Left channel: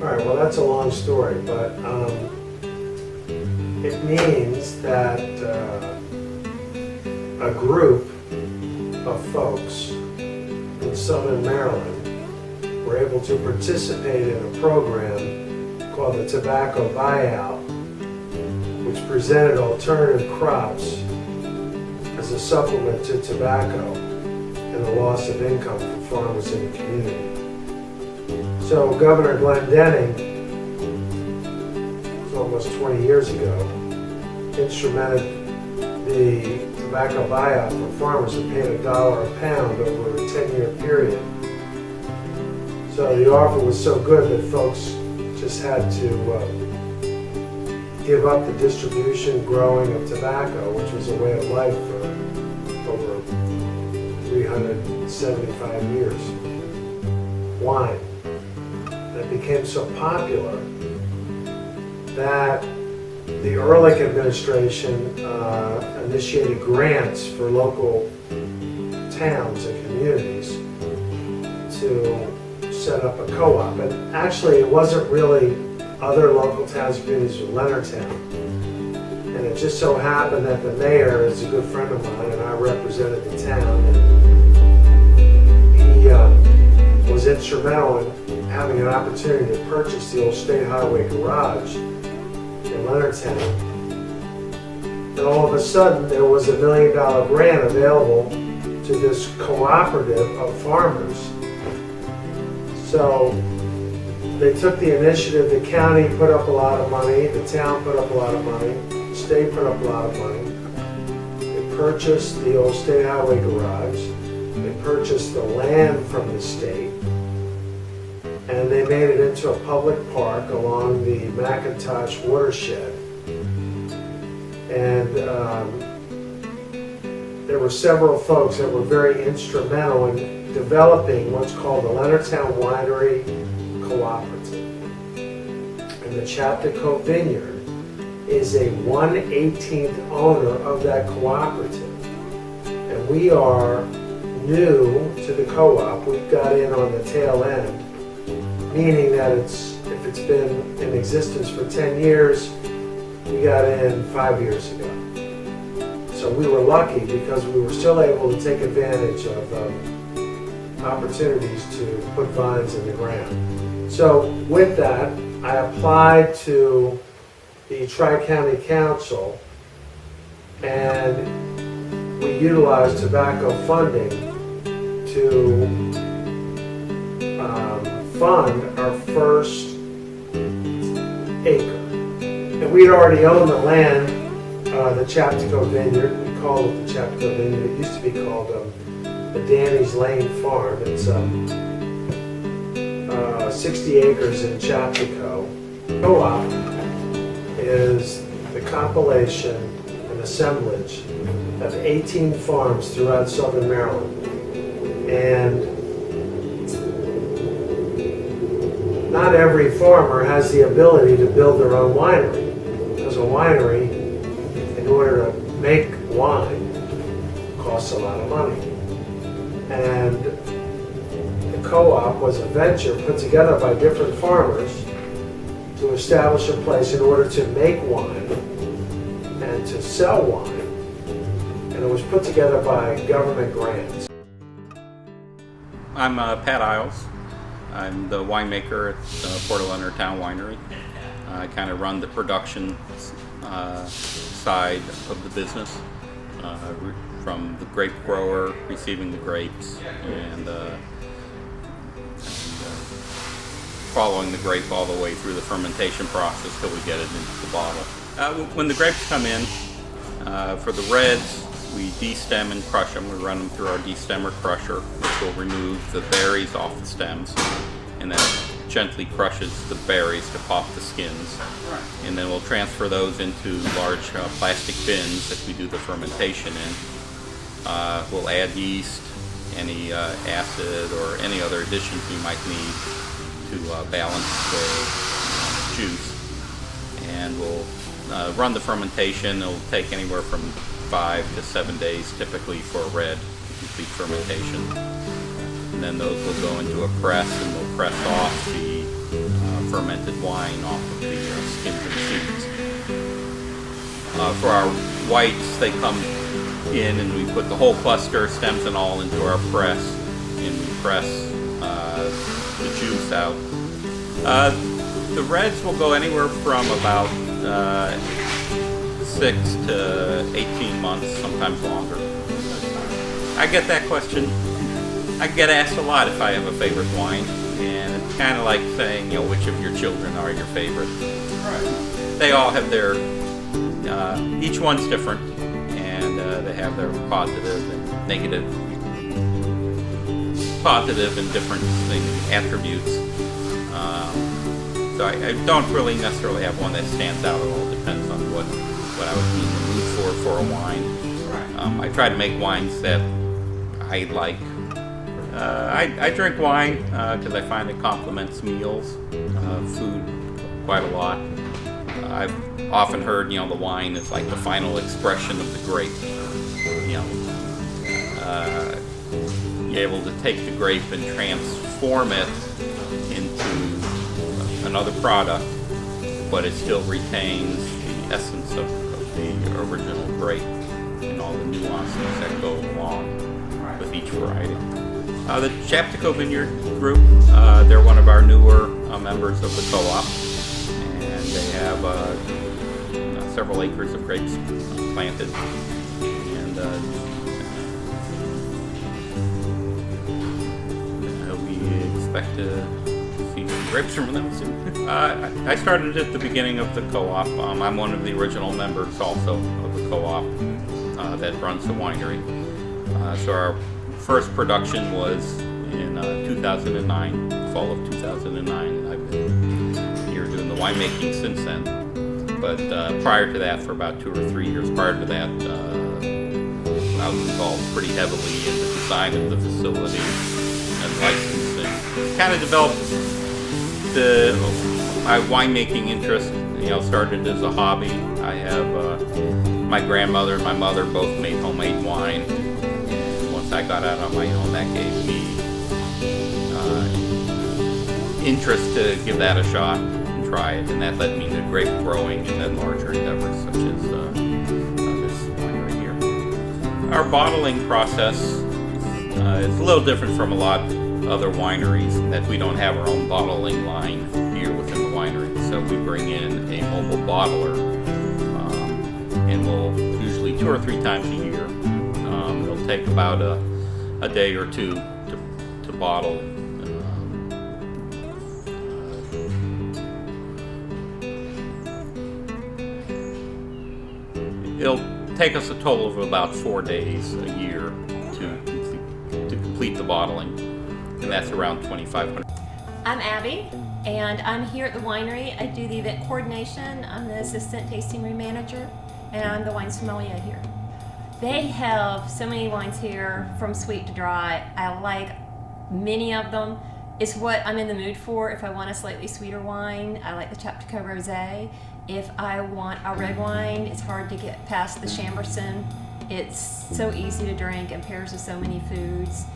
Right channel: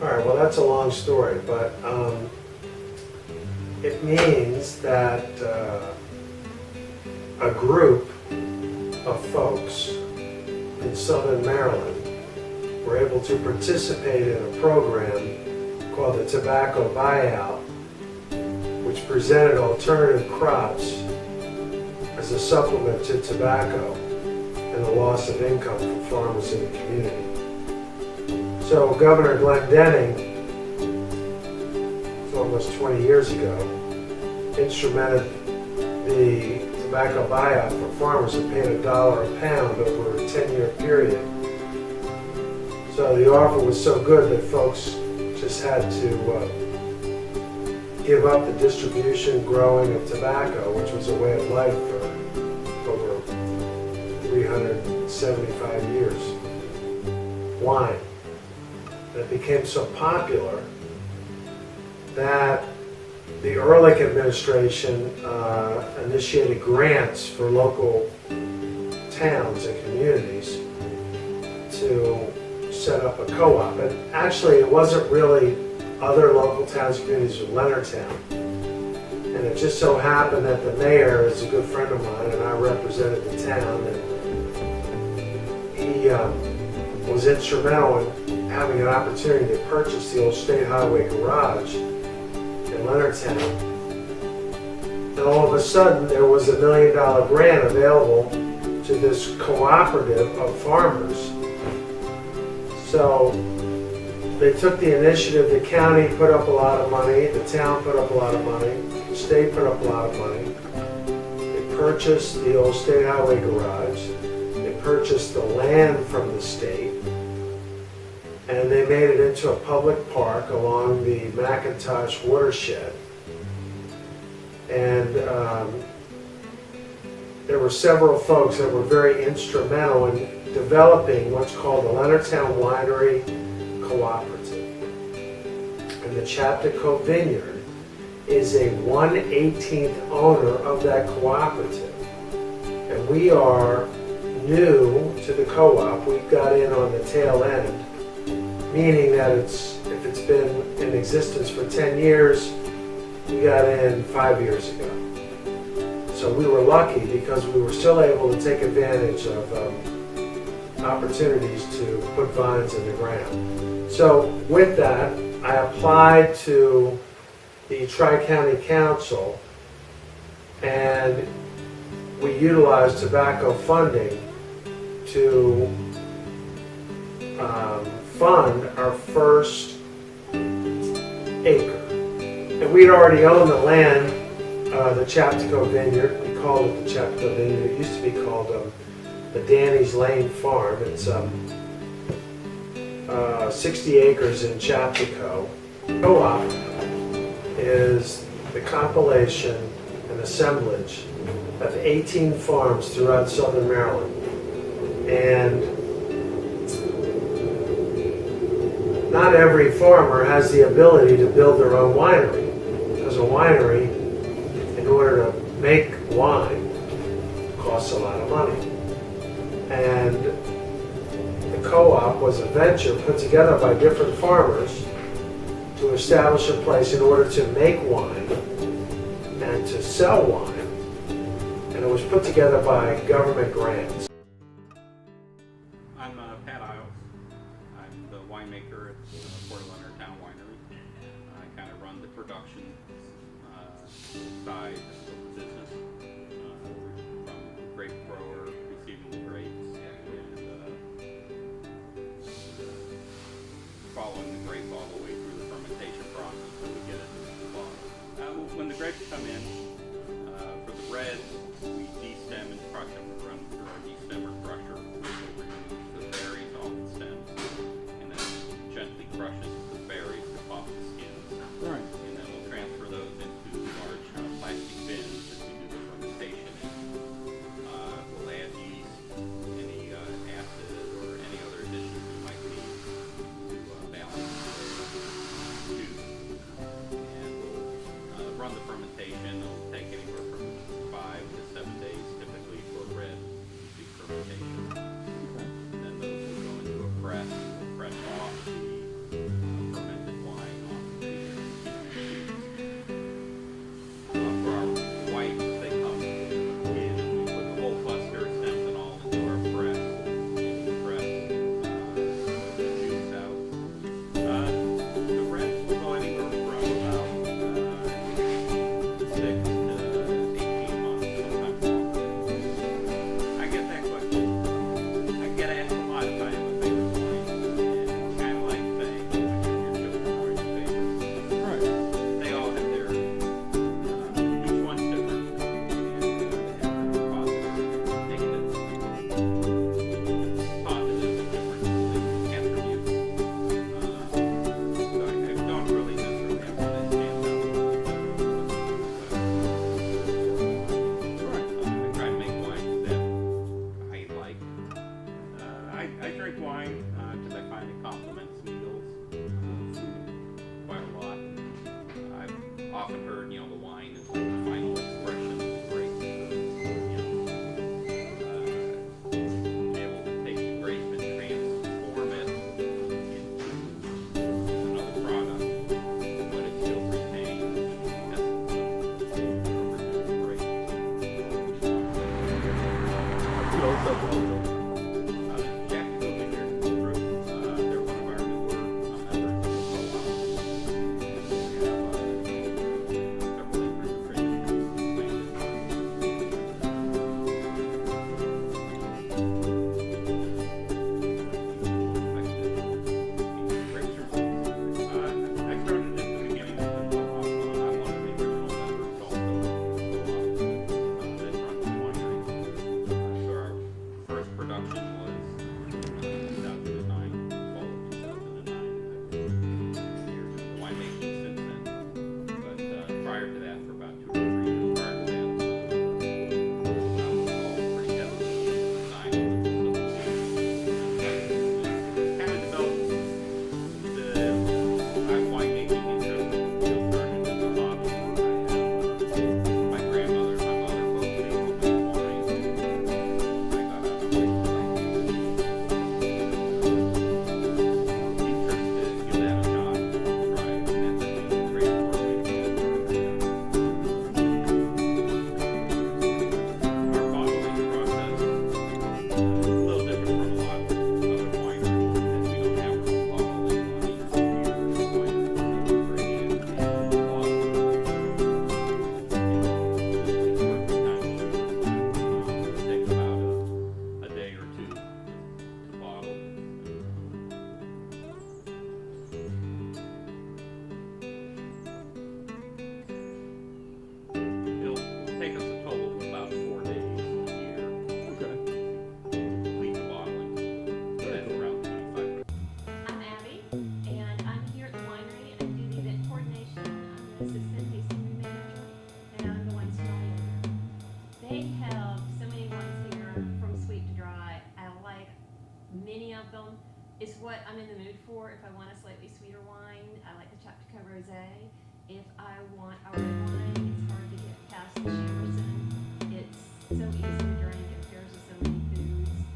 All right, well, that's a long story, but it means that a group of folks in Southern Maryland were able to participate in a program called the Tobacco Buyout, which presented alternative crops as a supplement to tobacco and the loss of income for farmers in the community. So Governor Glendenning, it was almost 20 years ago, instrumented the tobacco buyout for farmers and paid $1 a pound over a 10-year period. So the offer was so good that folks just had to give up the distribution, growing of tobacco, which was a way of life for over 375 years. Wine. It became so popular that the Ehrlich administration initiated grants for local towns and communities to set up a co-op. And actually, it wasn't really other local towns and communities with Leonardtown. And it just so happened that the mayor is a good friend of mine, and I represented the town, and he was instrumental in having an opportunity to purchase the old State Highway garage in Leonardtown. And all of a sudden, there was a $1 million grant available to this cooperative of farmers. So they took the initiative. The county put up a lot of money, the town put up a lot of money, the state put up a lot of money. They purchased the old State Highway garage. They purchased the land from the state. And they made it into a public park along the McIntosh watershed. And there were several folks that were very instrumental in developing what's called the Leonardtown Winery Cooperative. And the Chaptico Vineyard is a 1/18th owner of that cooperative. And we are new to the co-op. We got in on the tail end, meaning that if it's been in existence for 10 years, we got in 5 years ago. So we were lucky because we were still able to take advantage of opportunities to put vines in the ground. So with that, I applied to the Tri-County Council, and we utilized tobacco funding to fund our first acre. And we had already owned the land, the Chaptico Vineyard. We called it the Chaptico Vineyard. It used to be called the Danny's Lane Farm. It's 60 acres in Chaptico. Co-op is the compilation and assemblage of 18 farms throughout Southern Maryland. And not every farmer has the ability to build their own winery, because a winery, in order to make wine, costs a lot of money. And the co-op was a venture put together by different farmers to establish a place in order to make wine and to sell wine. And it was put together by government grants. I'm Pat Isles. I'm the winemaker at Port of Leonardtown Winery. I kind of run the production side of the business, from the grape grower receiving the grapes and following the grape all the way through the fermentation process till we get it into the bottle. When the grapes come in, for the reds, we destem and crush them. We run them through our destemmer crusher, which will remove the berries off the stems, and then gently crushes the berries to pop the skins. And then we'll transfer those into large plastic bins that we do the fermentation in. We'll add yeast, any acid, or any other additions we might need to balance the juice. And we'll run the fermentation. It'll take anywhere from 5 to 7 days typically for a red complete fermentation. And then those will go into a press, and we'll press off the fermented wine off of the skins and seeds. For our whites, they come in and we put the whole cluster, stems and all, into our press, and we press the juice out. The reds will go anywhere from about 6 to 18 months, sometimes longer. I get that question. I get asked a lot if I have a favorite wine, and it's kind of like saying, which of your children are your favorite? Right. They all have their, each one's different, and they have their positive and positive and different attributes. So I don't really necessarily have one that stands out. It all depends on what I would need for a wine. I try to make wines that I like. I drink wine because I find it complements meals, food quite a lot. I've often heard, the wine is like the final expression of the grape. You're able to take the grape and transform it into another product, but it still retains the essence of the original grape and all the nuances that go along with each variety. The Chaptico Vineyard Group, they're one of our newer members of the co-op, and they have several acres of grapes planted. And we expect to see some grapes from them soon. I started at the beginning of the co-op. I'm one of the original members also of the co-op that runs the winery. So our first production was in 2009, fall of 2009. I've been here doing the winemaking since then. But prior to that, for about 2 or 3 years prior to that, I was involved pretty heavily in the design of the facility and licensing. Kind of developed my winemaking interest. Started as a hobby. I have my grandmother and my mother both made homemade wine. I got out on my own, that gave me interest to give that a shot and try it, and that led me to grape growing and larger endeavors such as this right here. Our bottling process is a little different from a lot of other wineries in that we don't have our own bottling line here within the winery, so we bring in a mobile bottler, and we'll usually 2 or 3 times a year. It'll take about a day or two to bottle. It'll take us a total of about 4 days a year to complete the bottling, and that's around 2,500. I'm Abby, and I'm here at the winery. I do the event coordination. I'm the assistant tasting room manager, and I'm the wine sommelier here. They have so many wines here, from sweet to dry. I like many of them. It's what I'm in the mood for. If I want a slightly sweeter wine, I like the Chaptico Rosé. If I want a red wine, it's hard to get past the Chamberson. It's so easy to drink and pairs with so many foods.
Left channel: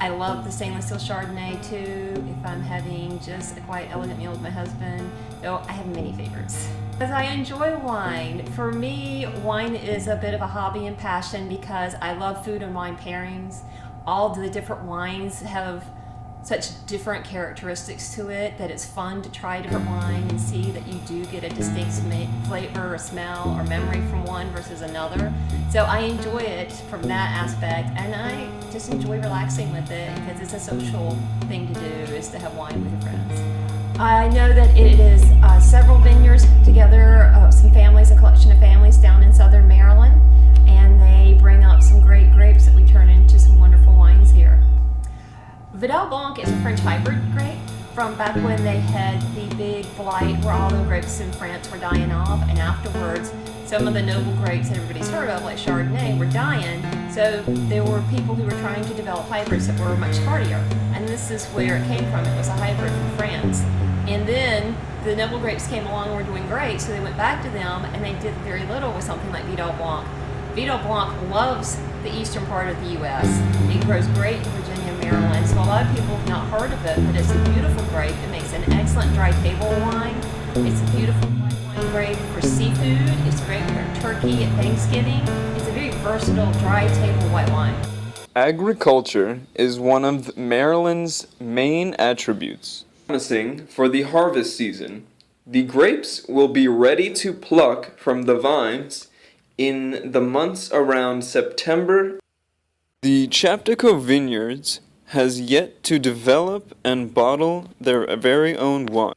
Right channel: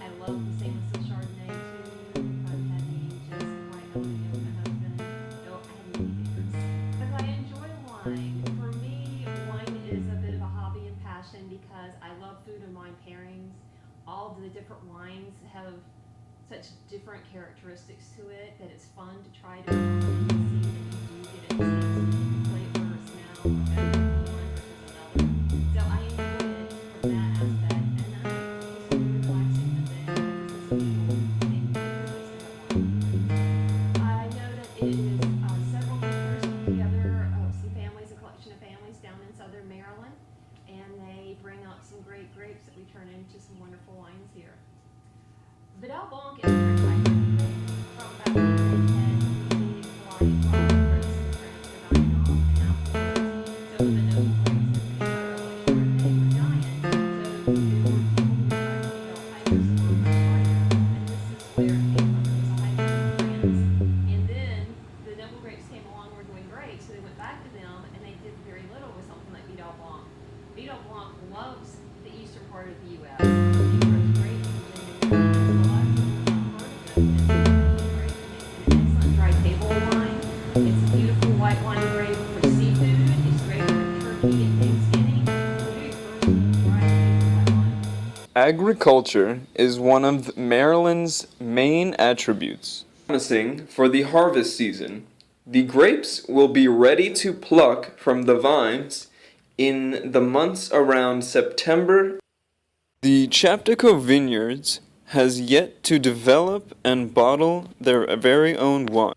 I love the stainless steel Chardonnay too, if I'm having just a quiet, elegant meal with my husband. Though I have many favorites. Because I enjoy wine. For me, wine is a bit of a hobby and passion because I love food and wine pairings. All the different wines have such different characteristics to it that it's fun to try different wines and see that you do get a distinct flavor or smell or memory from one versus another. So I enjoy it from that aspect, and I just enjoy relaxing with it because it's a social thing to do, is to have wine with your friends. I know that it is several vineyards together, some families, a collection of families down in southern Maryland, and they bring up some great grapes that we turn into some wonderful wines here. Vidal Blanc is a French hybrid grape from back when they had the big blight where all the grapes in France were dying off, and afterwards some of the noble grapes that everybody's heard of, like Chardonnay, were dying. So there were people who were trying to develop hybrids that were much hardier, and this is where it came from. It was a hybrid from France. And then the noble grapes came along and were doing great, so they went back to them, and they did very little with something like Vidal Blanc. Vidal Blanc loves the eastern part of the U.S. It grows great in Virginia and Maryland, so a lot of people have not heard of it, but it's a beautiful grape. It makes an excellent excellent dry table wine. It's a beautiful white wine, great for seafood. It's great for turkey at Thanksgiving. It's a very versatile dry table white wine. Agriculture is one of Maryland's main attributes. Promising for the harvest season, the grapes will be ready to pluck from the vines in the months around September. The Chaptico Vineyards has yet to develop and bottle their very own wine.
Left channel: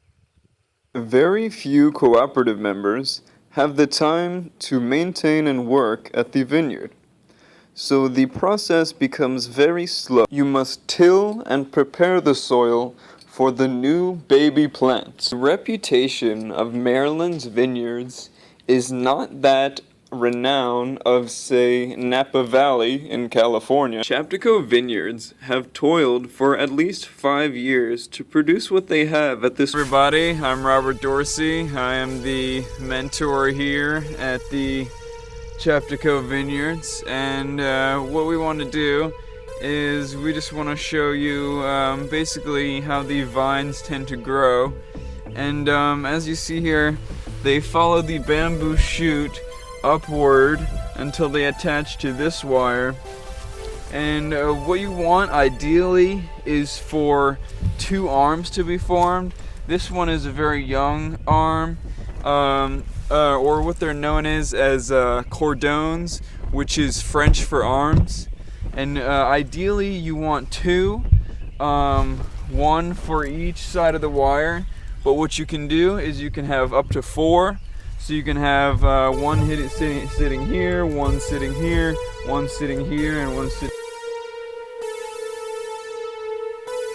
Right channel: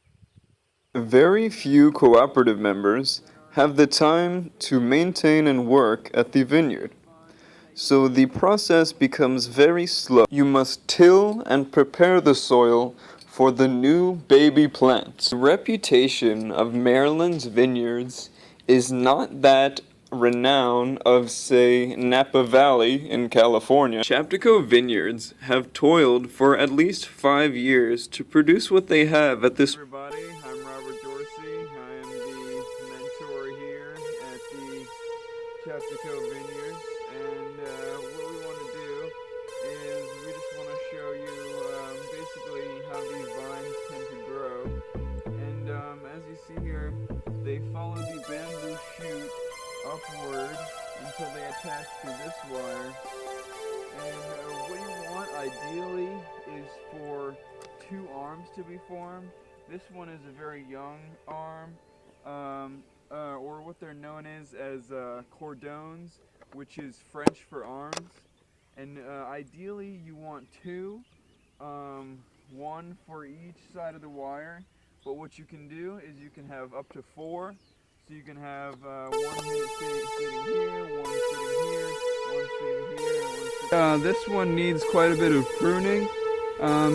Very few cooperative members have the time to maintain and work at the vineyard, so the process becomes very slow. You must till and prepare the soil for the new baby plants. The reputation of Maryland's vineyards is not that renown of, say, Napa Valley in California. Chaptico Vineyards have toiled for at least 5 years to produce what they have at this. Everybody, I'm Robert Dorsey. I am the mentor here at the Chaptico Vineyards, and what we want to do is we just want to show you basically how the vines tend to grow. And as you see here, they follow the bamboo shoot upward until they attach to this wire. And what you want ideally is for 2 arms to be formed. This one is a very young arm, or what they're known as cordons, which is French for arms. And ideally you want 2, 1 for each side of the wire. But what you can do is you can have up to 4. So you can have one sitting here, one sitting here, one sitting here, and one sitting. This one needs quite a bit of pruning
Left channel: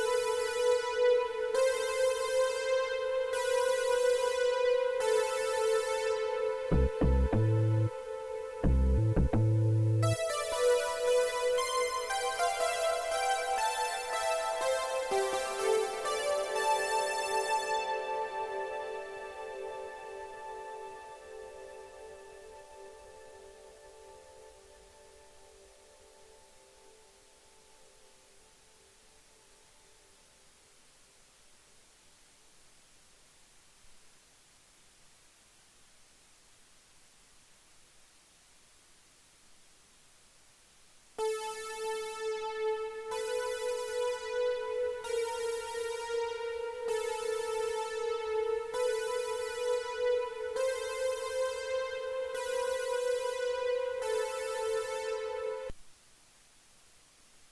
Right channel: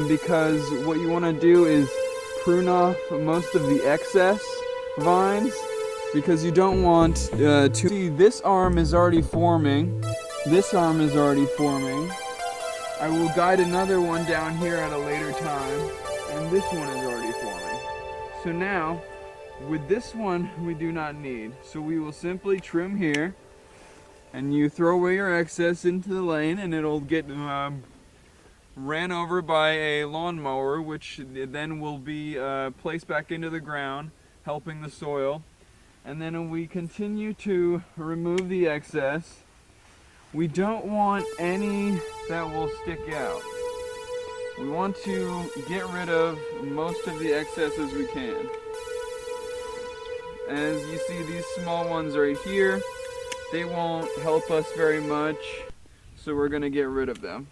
because what you want to do is prune off most of the excess vines, because you don't want to. See, this arm is already forming. This arm is already forming. I will guide another one down here at a later time, and this one is already forming. So now, with this one, we do not need. So we will simply trim here, and you throw away your excess into the lane, and it'll get ran over by a lawnmower, which then will be placed back into the ground, helping the soil. And then we continue to remove the excess. We don't want any that will stick out. We want to get rid of most of the excess as we can. As you see, these small ones right here, they won't help us very much, so we're going to get rid of them.